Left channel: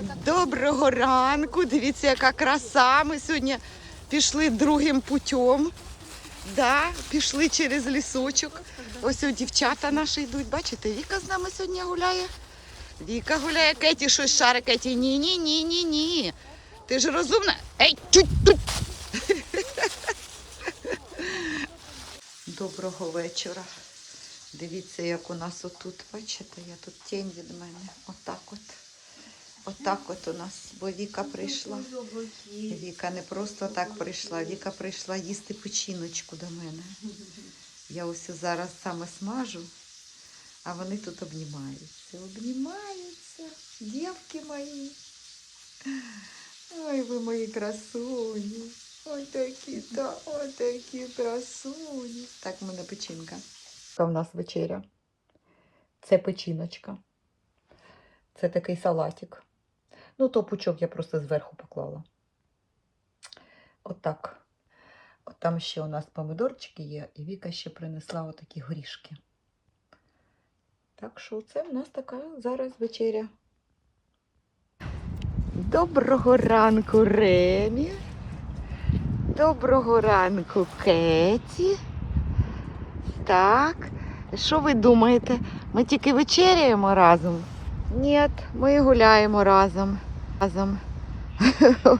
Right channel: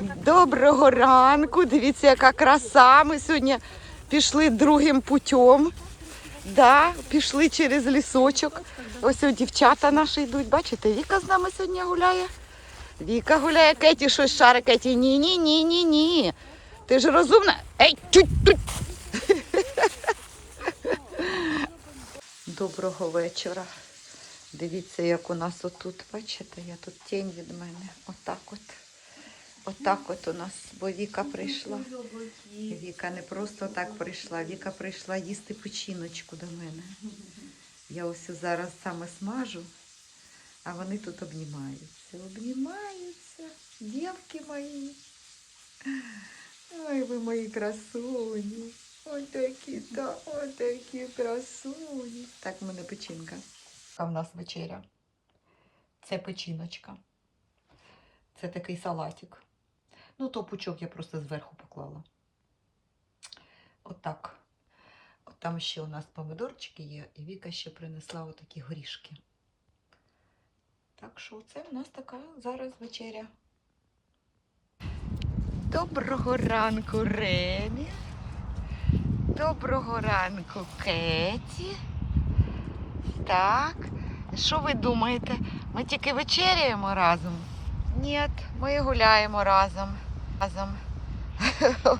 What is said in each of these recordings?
Доброго ранку. Дивіться, яка краса. Ми сьогодні пішли другим путем. Да, пішли через лісочок. Ось ось дівчата наші йдуть. Бачите, Віка з нами сьогодні гуляє. Віка гуляє, Кеті щось шаре, Кеті. Ні, ні, ні, ні. Ти ж розумна. Ей, тють, тють. Доброго вечора. Дивіться, як у нас отут, бачите, я тут тінь від мене. Отак от. Отак от у нас, бо Віка прийшла. Віка не просто так прийшла, Віка прийшла їсти печіночку до мене. Я ось зараз саме смажу, а вони тут обнімаються. Обнімаються, дівки мої. Ой, ви мої красуні. Ой такі, та, ой такі красуні. Так, в мене печінка. Яка в нас вечеря? Це печіночка. Це такий салатик. Ну, то пучок я просто зверху поклала. Отак. От там ще у нас помидорчики є, і Віка ще принесла отакі горішки. Так що це в нас така зараз вечеря. Доброго ранку, Ремі. Доброго ранку, Кеті. Так, що ви думаєте? Ми тільки вечеряємо разом? Ні, ми гуляємо разом. Разом.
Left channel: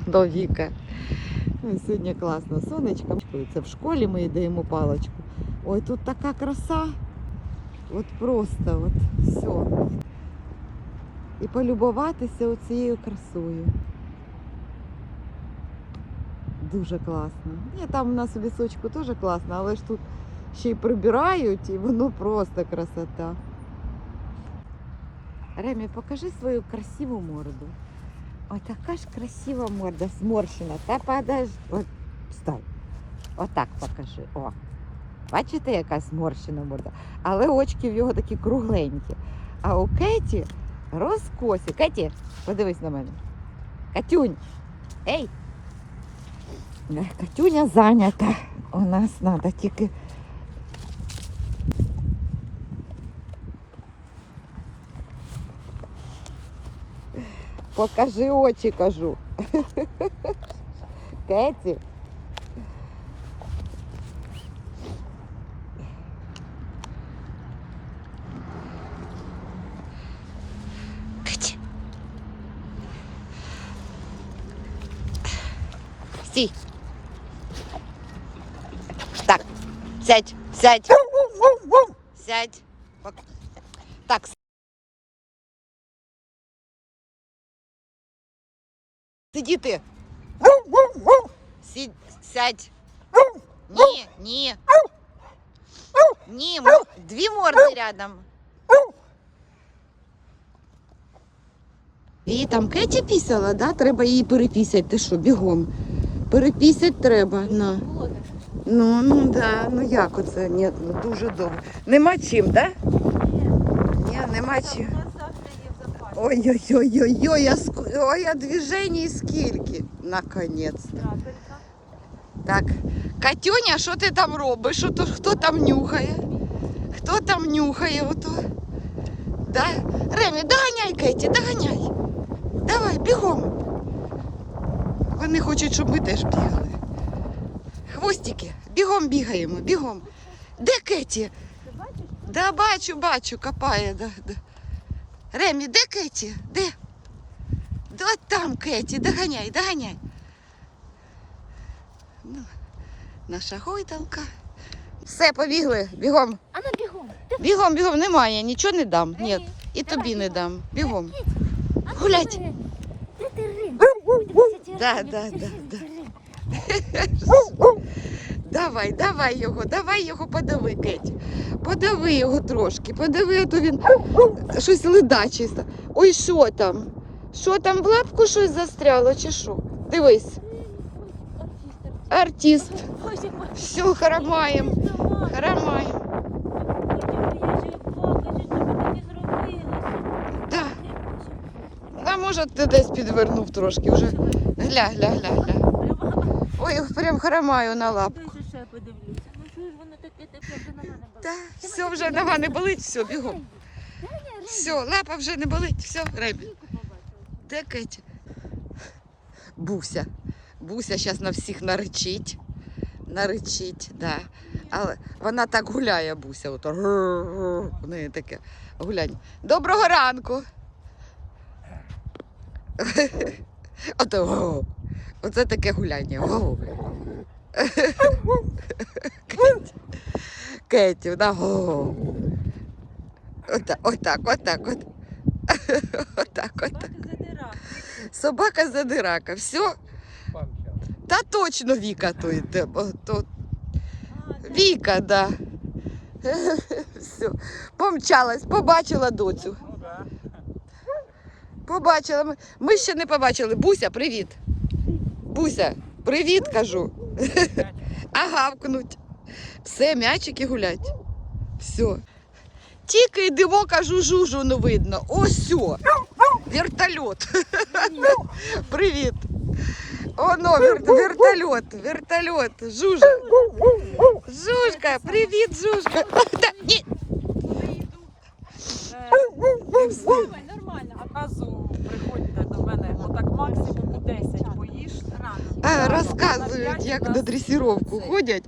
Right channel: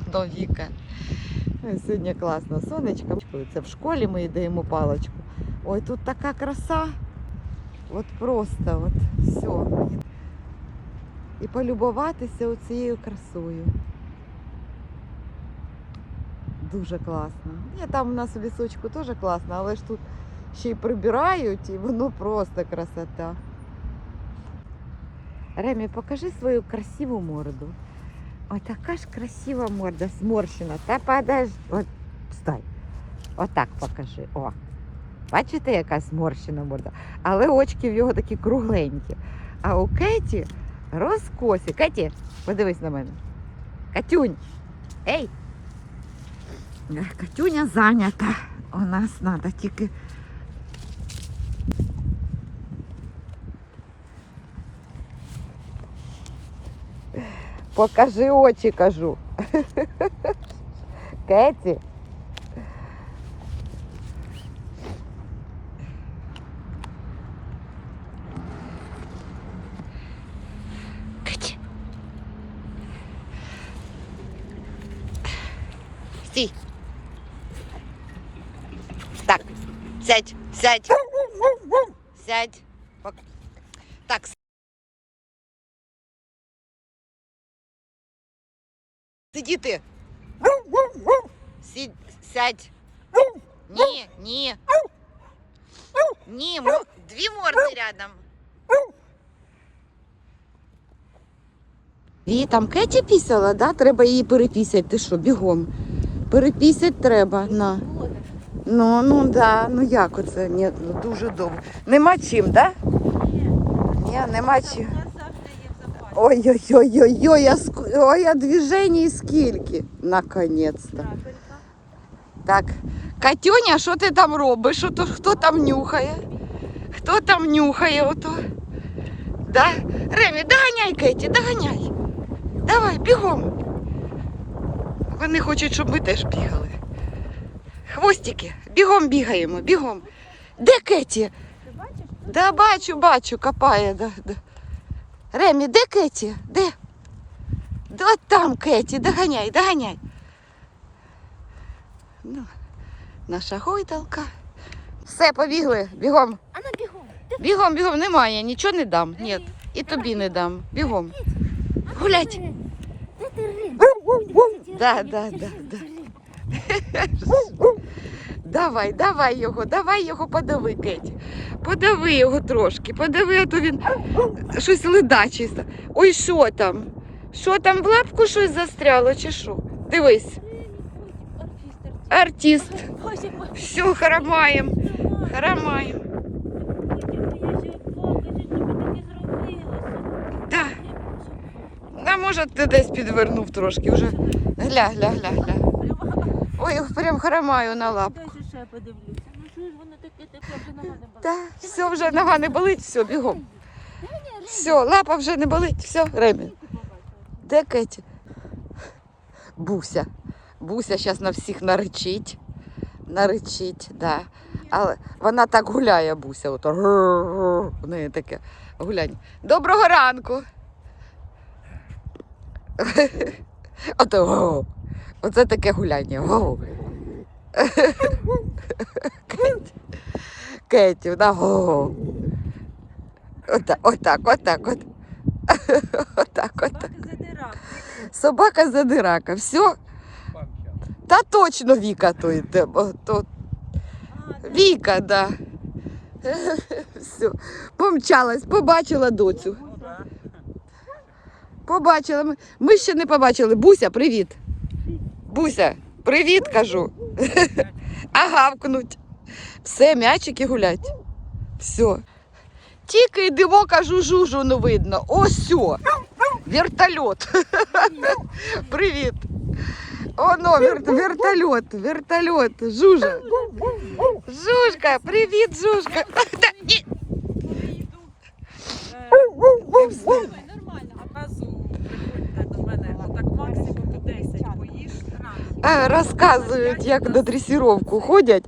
До Віка. Сьогодні класно. Сонечко. Це в школі ми даємо паличку. Ой, тут така краса. От просто, от все. І полюбуватися оцією красою. Дуже класно. Ні, там у нас в лісочку теж класно, але ж тут ще й прибирають, і воно просто красота. Ремі, покажи свою красиву морду. Ой, така ж красива морда, зморщена. Та подож... От, стой. Отак покажи. О. Бачите, яка зморщена морда? Але очки в його такі кругленькі. А у Кеті розкосі. Кеті, подивись на мене. Катюнь. Ей! Катюня зайнята. У нас треба тільки. Покажи очі, кажу. Кеті. Кеті. Стій. Так, сядь, сядь. Сядь. Пок- Так. Сидіти. Сідь, сядь. Ні, ні. Ні, мо- дві морди рядом. Її там Кеті пісяла, да? Треба її перепісяти. Ти що, бігом? Перепісять треба. На. Ну, ну да, ну як оце? Ні, ну дуже довго. Нема чим, да? Ні, нема чим. Ой-ой-ой-ой-ой, а ск- ой, а движений скільки. Наконець-то. Так, Катюня, що ти там робиш? Ото, хто там нюхає? Хто там нюхає ото? Да? Ремі, доганяй, Кеті, доганяй. Давай, бігом. Вони хочуть, щоб ми теж бігали. Хвостики, бігом бігаємо, бігом. Де Кеті? Да, бачу, бачу, копає. Да, да. Ремі, де Кеті? Де? Да, От там Кеті, доганяй, доганяй. Ну, наша гойдалка. Все, побігли, бігом. А на бігом. Бігом, бігом, немає, нічого не дам. Ні, і тобі не дам. Бігом. Гулять. Ти рим? Да, да, да, да. Давай, давай його, давай його подави, Кеть. Подави його трошки, подави, а то він щось ледачий. Ой, що там? Що там в лапку щось застряло, чи що? Дивись, артист. Все, харамаєм. Да. А може ти десь підвернув трошки вже. Гля, гля, гля, гля. Ой, прям харамаю на лапку. Подивлюся. Ну що ж воно таке таке вже на мене бачить? Та, все, вже нога не болить, все, бігом. Все, лапа вже не болить, все, Ремі. Де Кеті? Буся. Буся зараз на всіх наречить. Наречить, да. Але вона так гуляє, Буся. Ото. В неї таке гуляння. Доброго ранку. Оце таке гуляння. Кеті. Вона. гу. Отак, отак, отак, от. Отак, отак. Собака задирака. Все. Та точно Віка то йде. То... Віка, да. Все. Помчалась, побачила доцю. Побачила. Ми ще не побачили. Буся, привіт. Буся, привіт, кажу. А гавкнуть. Все, м'ячики гулять. Все. Тільки йдемо, кажу, жужу не видно. Ось сьо. Вертольот. Привіт. Оно, вер... вертольот, вертольот. Жужа. Жужка, привіт, Жужка. Та, ні. Нормально. Наказу приходьте до мене, отак максимум у 10 поїж. А, розказують, як на дресіровку ходять.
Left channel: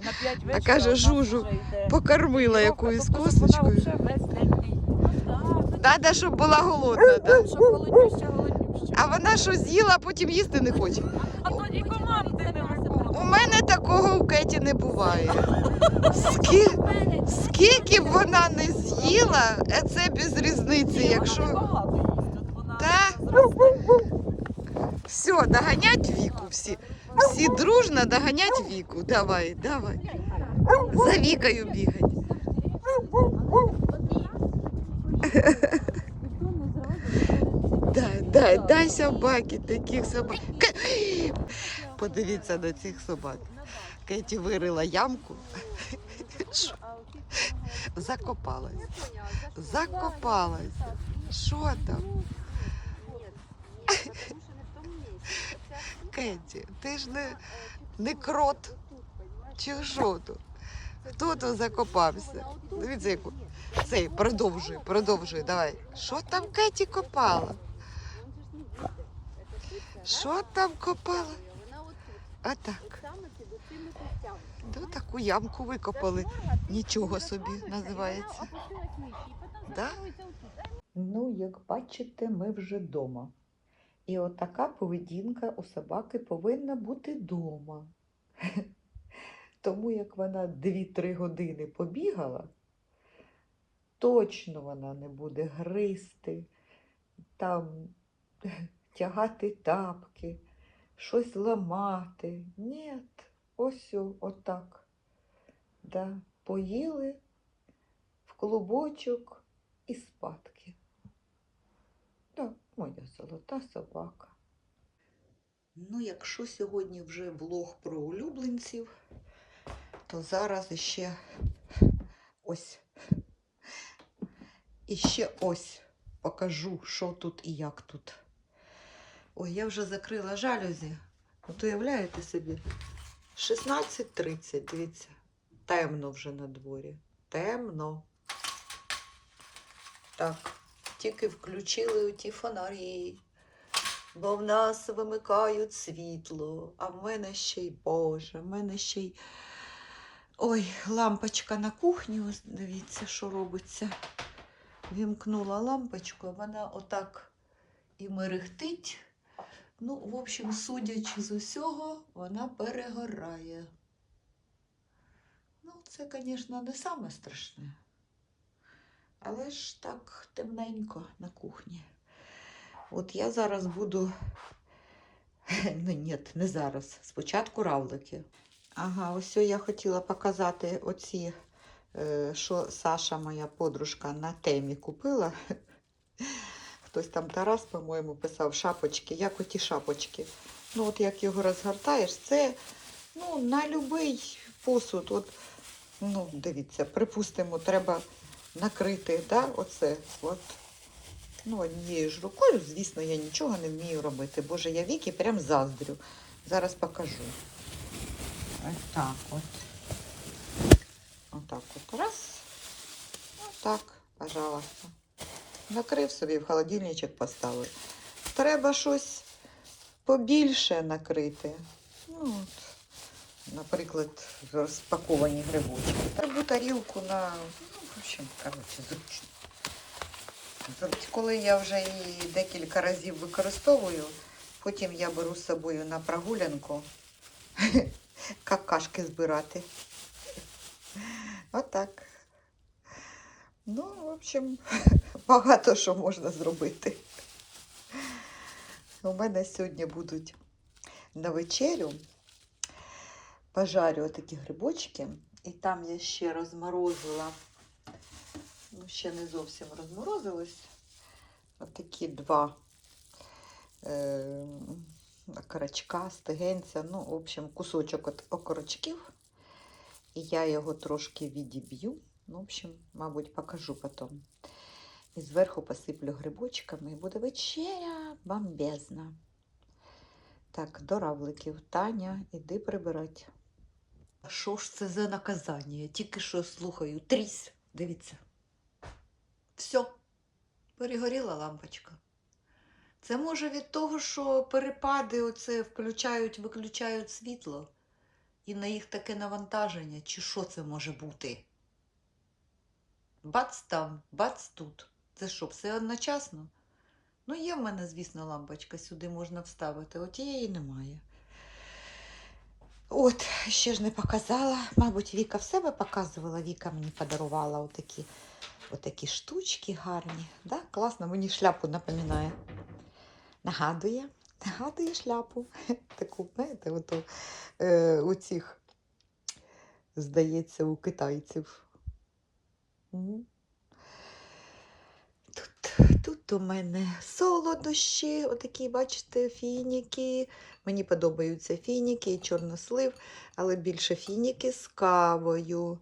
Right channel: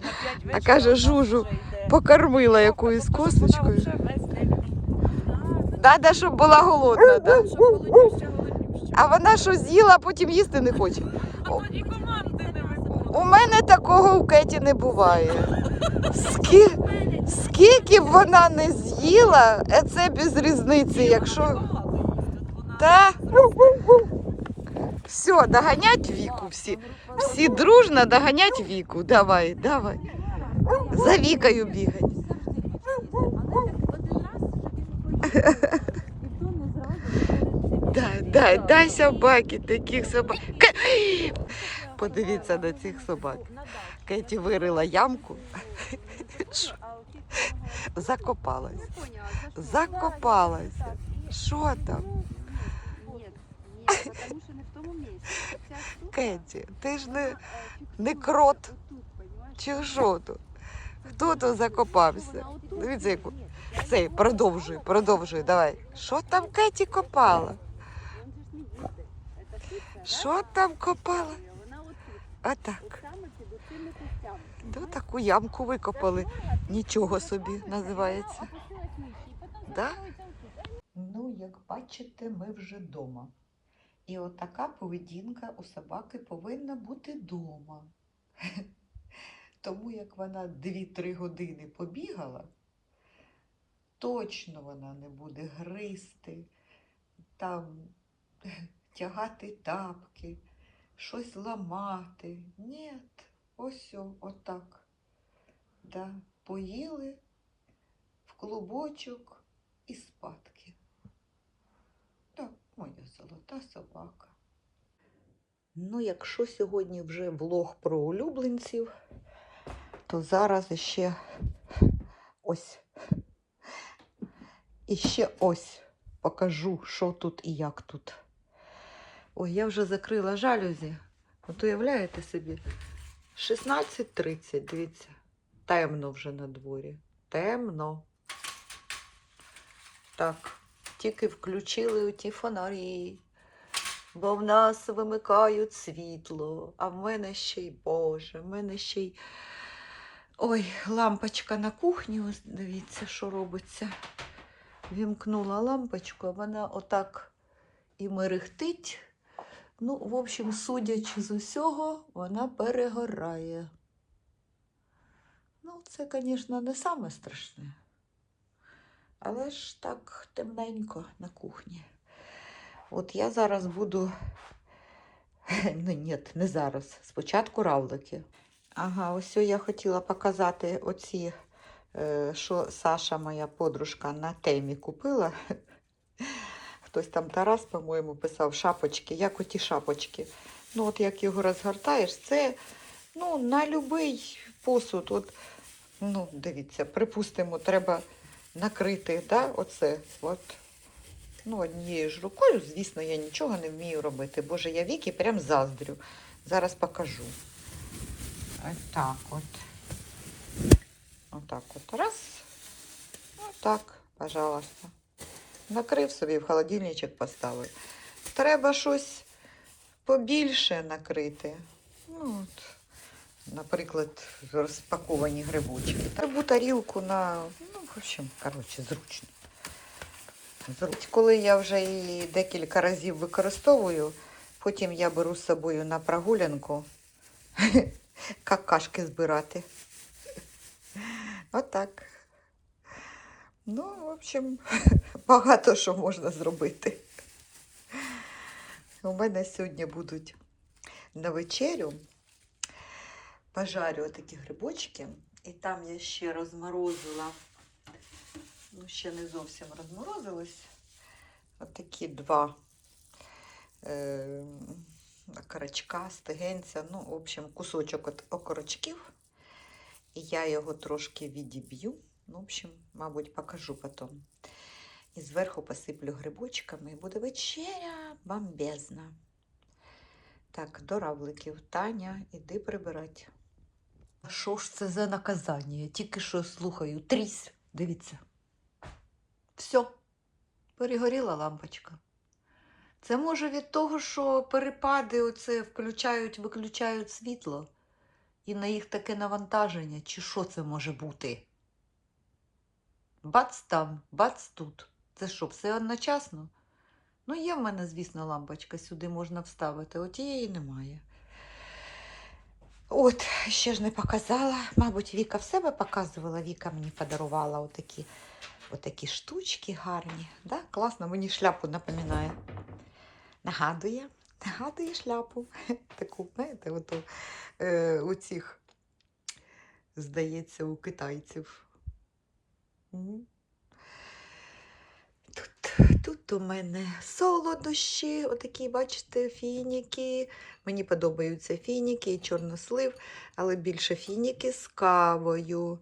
А каже, Жужу, Покормила якоюсь косточкою. Надо, щоб була голодна, да? А вона що з'їла, а потім їсти не хоче. У мене такого в Кеті не буває. Скі... Скільки б вона не з'їла, е, це без різниці, якщо. Та все, доганять віку всі. Всі дружно доганять віку. Давай, давай. За вікою бігать. Дай, дай, дай собаки, таких собак. Подивіться на цих собак. Кеті вирила ямку, закопалась. Закопалась. Що там? Кеті, ти ж не, не крот. Чи що тут? Хто тут закопався? Дивіться, яку. Цей, продовжуй, продовжуй, давай. Що там Кеті копала? Що там копала? Отак. Ну, таку ямку викопали. Нічого собі називається. Да? Ну, як бачите, ми вже вдома. І отака поведінка у собаки повинна бути вдома. Тому як вона 2-3 години побігала, точно вона не буде гризти, там тягати тапки, щось ламати. Ні, ось отак. Да, поїли в клубочок і спадки. Моя золота собака. Ну, якщо сьогодні вже влог про улюбленців, то зараз іще ось. І ще ось покажу, що тут і як тут. Ой, я вже закрила жалюзі. От уявляєте собі, 16.30, дивіться, темно вже на дворі. Темно. Так, тільки включили ті фонарі, бо в нас вимикають світло, а в мене ще й Боже, в мене ще й. Ой, лампочка на кухні, ось дивіться, що робиться. Вімкнула лампочку, а вона отак і мерехтить. Ну, в общем, судячи з усього, вона перегорає. Ну, це, звісно, не саме страшне. Але ж так темненько на кухні. От я зараз буду. Ну, ні, не зараз. Спочатку равлики. Ага, ось я хотіла показати оці, е, що Саша, моя подружка, на темі купила. Хтось там Тарас, по-моєму, писав шапочки, як оті шапочки. Ну, от як його розгортаєш, це ну, на будь-який посуд. От, ну, дивіться, припустимо, треба накрити, да, оце. От. Ну, однією ж рукою, звісно, я нічого не вмію робити. Боже, я віки прям заздрю. Зараз покажу. Ось так от. Отак от. Раз. Отак, пожалуйста. Накрив собі в холодильничок поставив. треба щось побільше накрити. Ну, от, наприклад, розпаковані грибочки. Треба тарілку на, ну, в общем, коротше, зручно. Зручно. Коли я вже її декілька разів використовую, потім я беру з собою на прогулянку какашки збирати. Отак. Ну, в общем, багато що можна зробити. У мене сьогодні будуть на вечерю. Пожарю такі грибочки. І там я ще розморозила. Ну, ще не зовсім розморозилось. Отакі два е, окорочка, стегенця. Ну, в общем, кусочок от окорочків. І я його трошки відіб'ю. Ну, в общем, мабуть, покажу потім. І зверху посиплю грибочками. І буде вечеря бомбезна. Так, до равликів. Таня, іди прибирати. Що ж це за наказання? Я тільки що слухаю. Трісь. Дивіться. Все. Перегоріла лампочка. Це може від того, що перепади оце включають, виключають світло. І на їх таке навантаження, чи що це може бути? Бац там, бац тут. Це що, все одночасно? Ну, є в мене, звісно, лампочка, сюди можна вставити, от її немає. От, ще ж не показала. Мабуть, Віка в себе показувала. Віка мені подарувала отакі, отакі штучки гарні. Да? Класно, мені шляпу напоминає. Нагадує, нагадує шляпу. Таку, знаєте, ото, е, у цих, здається, у китайців. Тут, тут у мене солодощі, отакі, бачите, фініки. Мені подобаються фініки і чорнослив, але більше фініки з кавою.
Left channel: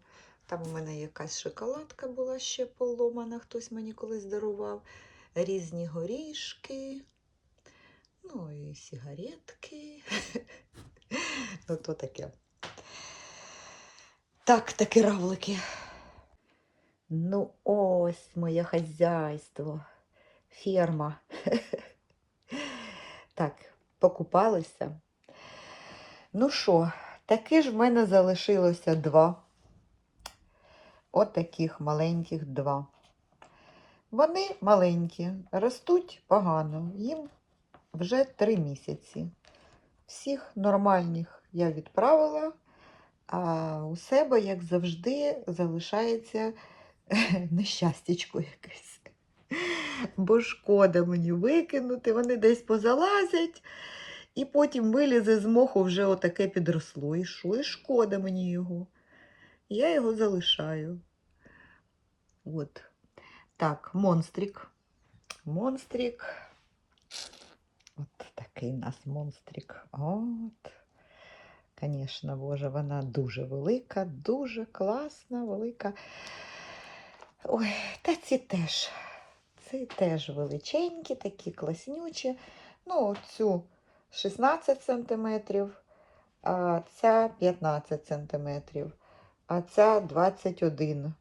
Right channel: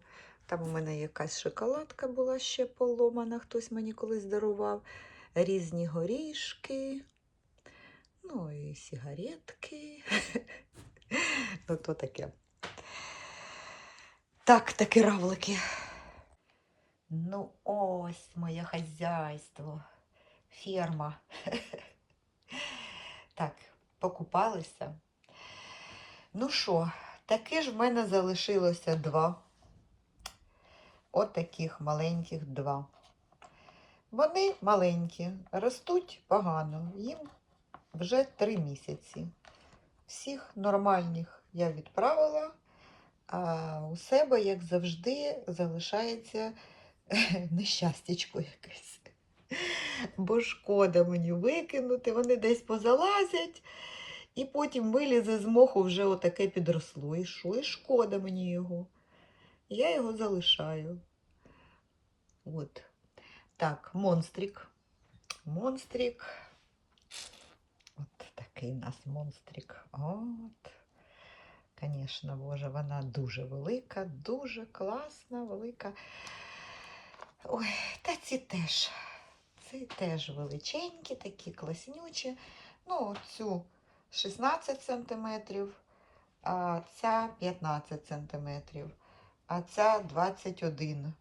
Там у мене якась шоколадка була ще поломана, хтось мені колись дарував. Різні горішки, ну і сигаретки. ну, то таке. Так, такі равлики. Ну, ось моє хазяйство, ферма. так, покупалися. Ну що, таки ж в мене залишилося два. От таких маленьких два. Вони маленькі, ростуть погано. Їм вже три місяці. Всіх нормальних я відправила, а у себе, як завжди, залишається нещастячко якесь. Бо шкода мені викинути, вони десь позалазять, і потім вилізе з моху вже отаке підросло. І що? І шкода мені його. Я його залишаю. От. Так, монстрик. Монстрик. От такий у нас монстрик. От. Звісно, Боже, вона дуже велика, дуже класна, велика. Ой, та ці теж. Ці теж величенькі, такі класнючі. Ну, цю 16 см, а ця 15 см, а ця 21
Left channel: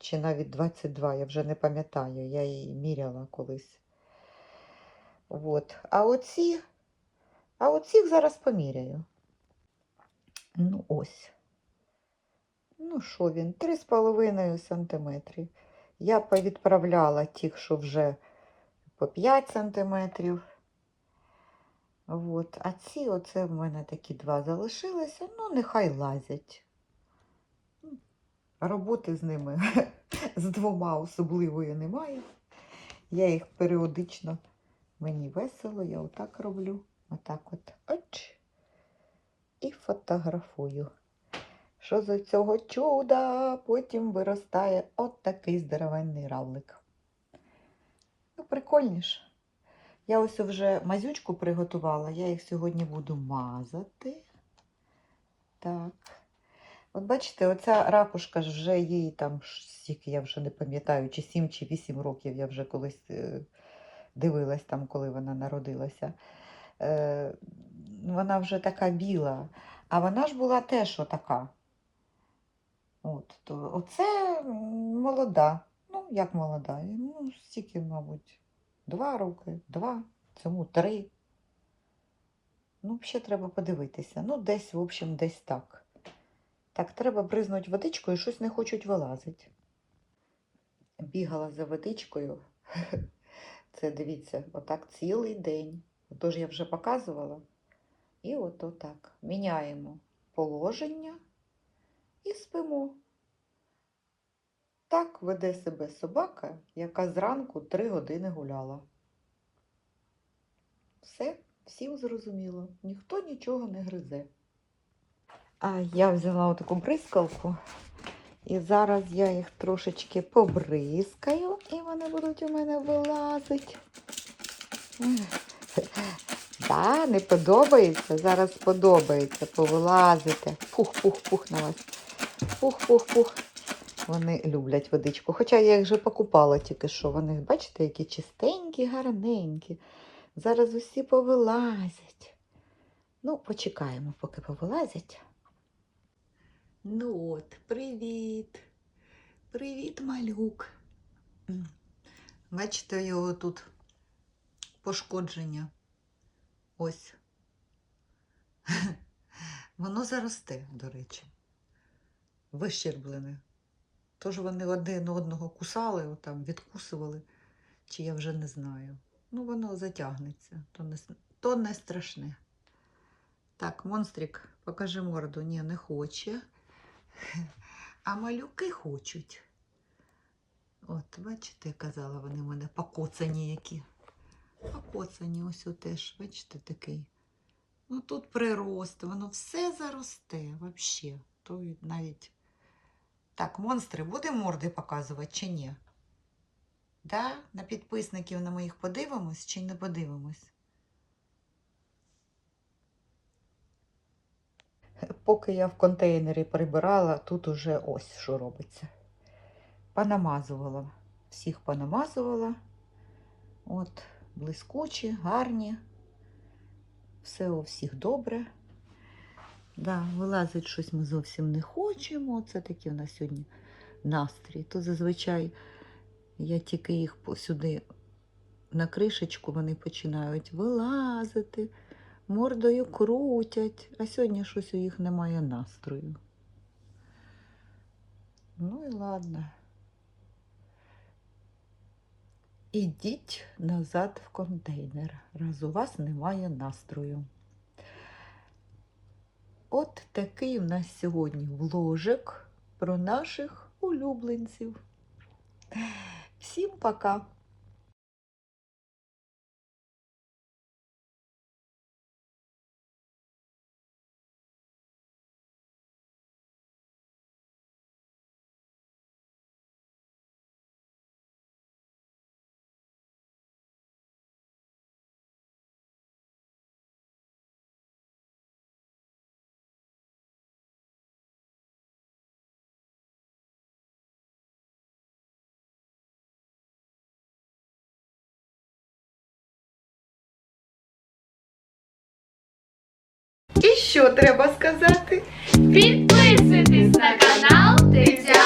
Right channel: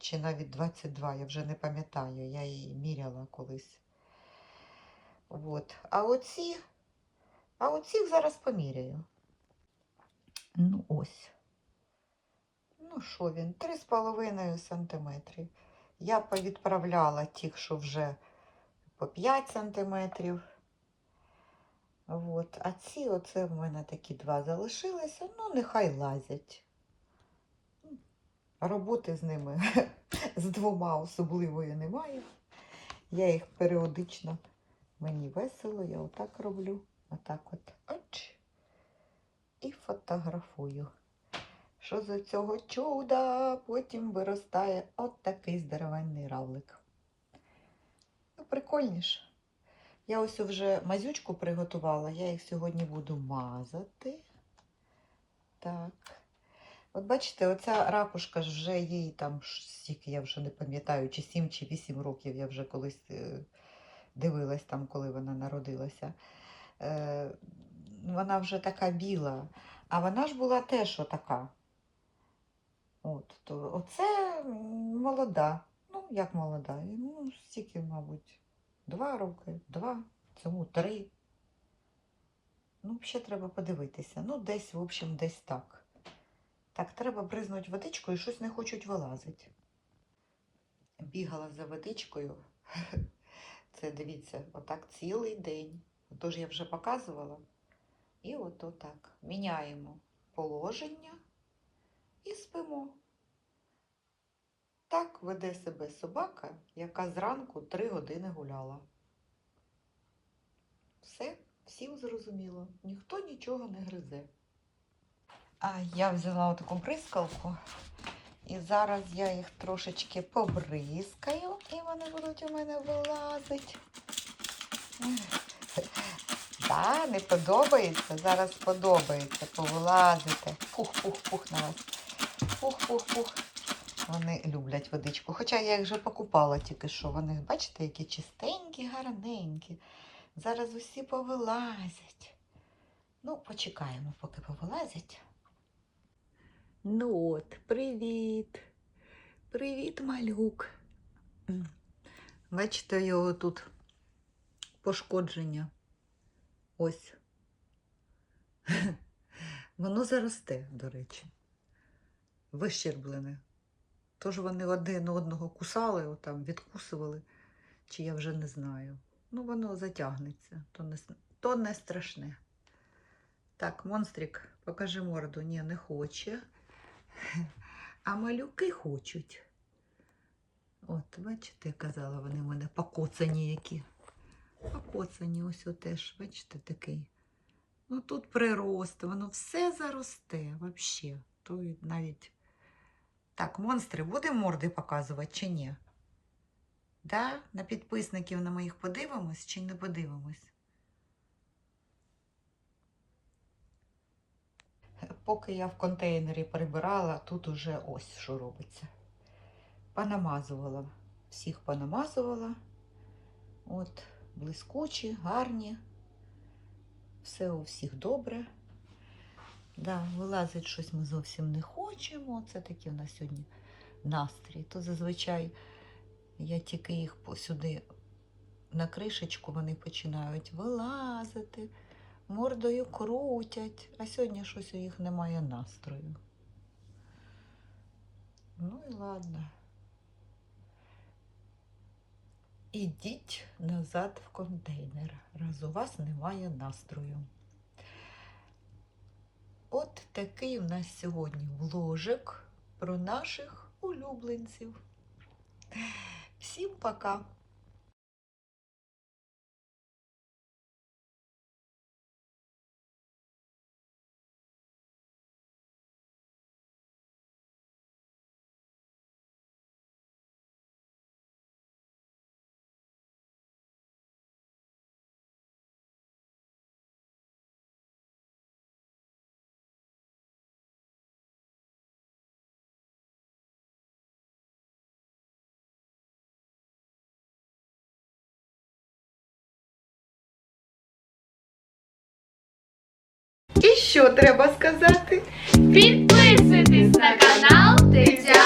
чи навіть 22, я вже не пам'ятаю, я її міряла колись. От. А оці, а оцих зараз поміряю. Ну, ось. Ну, що він? 3,5 см. Я повідправляла тих, що вже по 5 сантиметрів. От. А ці оце в мене такі два залишилися. Ну, нехай лазять. Роботи з ними з двома особливої немає. Я їх періодично, мені весело, я отак роблю. Отак от. Оч. І фотографую. Що з цього чуда потім виростає от такий здоровенний равлик. Ну, прикольніше. Я ось вже мазючку приготувала, я їх сьогодні буду мазати. Так. От бачите, оця ракушка вже їй там, скільки я вже не пам'ятаю, чи 7 чи 8 років я вже колись е, дивилась там, коли вона народилася. Е, Вона вже така біла, а вона ж була теж отака. От, то оце молода. Ну, як молода? Ну, стільки, мабуть, два роки, два цьому три. Ну, взагалі треба подивитися. Ну, десь, в общем, десь так. Так, треба бризнути водичкою, щось не хочуть вилазити. Бігала за водичкою. Це дивіться, отак цілий день. Тож я вже показувала. І от отак. Міняємо положення і спимо. Так веде себе собака, яка зранку три години гуляла. Все, всім зрозуміло, ніхто нічого не гризе. Я взяла таку бризкалку, і зараз я їх трошечки побризкаю, і вони будуть у мене вилазити. Так, не подобається, зараз подобається, повилазити. Пух-пух-пух на вас. Пух-пух-пух. Вони люблять водичку. Хоча я їх вже покупала тільки що. Вони, бачите, які чистенькі, гарненькі. Зараз усі повилазять. Ну, почекаємо, поки повилазять. Ну от, привіт. Привіт, малюк. Бачите, його тут пошкодження. Ось. Воно заросте, до речі. Вищерблене. Тож вони один одного кусали, отам, відкусували, чи я вже не знаю. Ну, воно затягнеться, то не, то не страшне. Так, монстрик, покажи морду. Ні, не хоче. А малюки хочуть. От, бачите, я казала, вони в мене покоцані які. Покоцані ось теж, бачите, такий. Ну тут прирост, воно все заросте взагалі. То навіть. Так, монстри, будемо морди показувати чи ні? Да? На підписників на моїх подивимось чи не подивимось? Поки я в контейнері прибирала, тут уже ось що робиться. Понамазувала. Всіх понамазувала. От, блискучі, гарні. Все у всіх добре. Да, вилазить щось ми зовсім не хочемо. Це такий у нас сьогодні настрій. То зазвичай я тільки їх сюди на кришечку вони починають вилазити, мордою крутять, а сьогодні щось у їх немає настрою. Ну і ладно. Ідіть назад в контейнер, раз у вас немає настрою. От такий в нас сьогодні вложик про наших улюбленців. Всім пока! І що треба сказати? Підписуйтесь на канал Тетя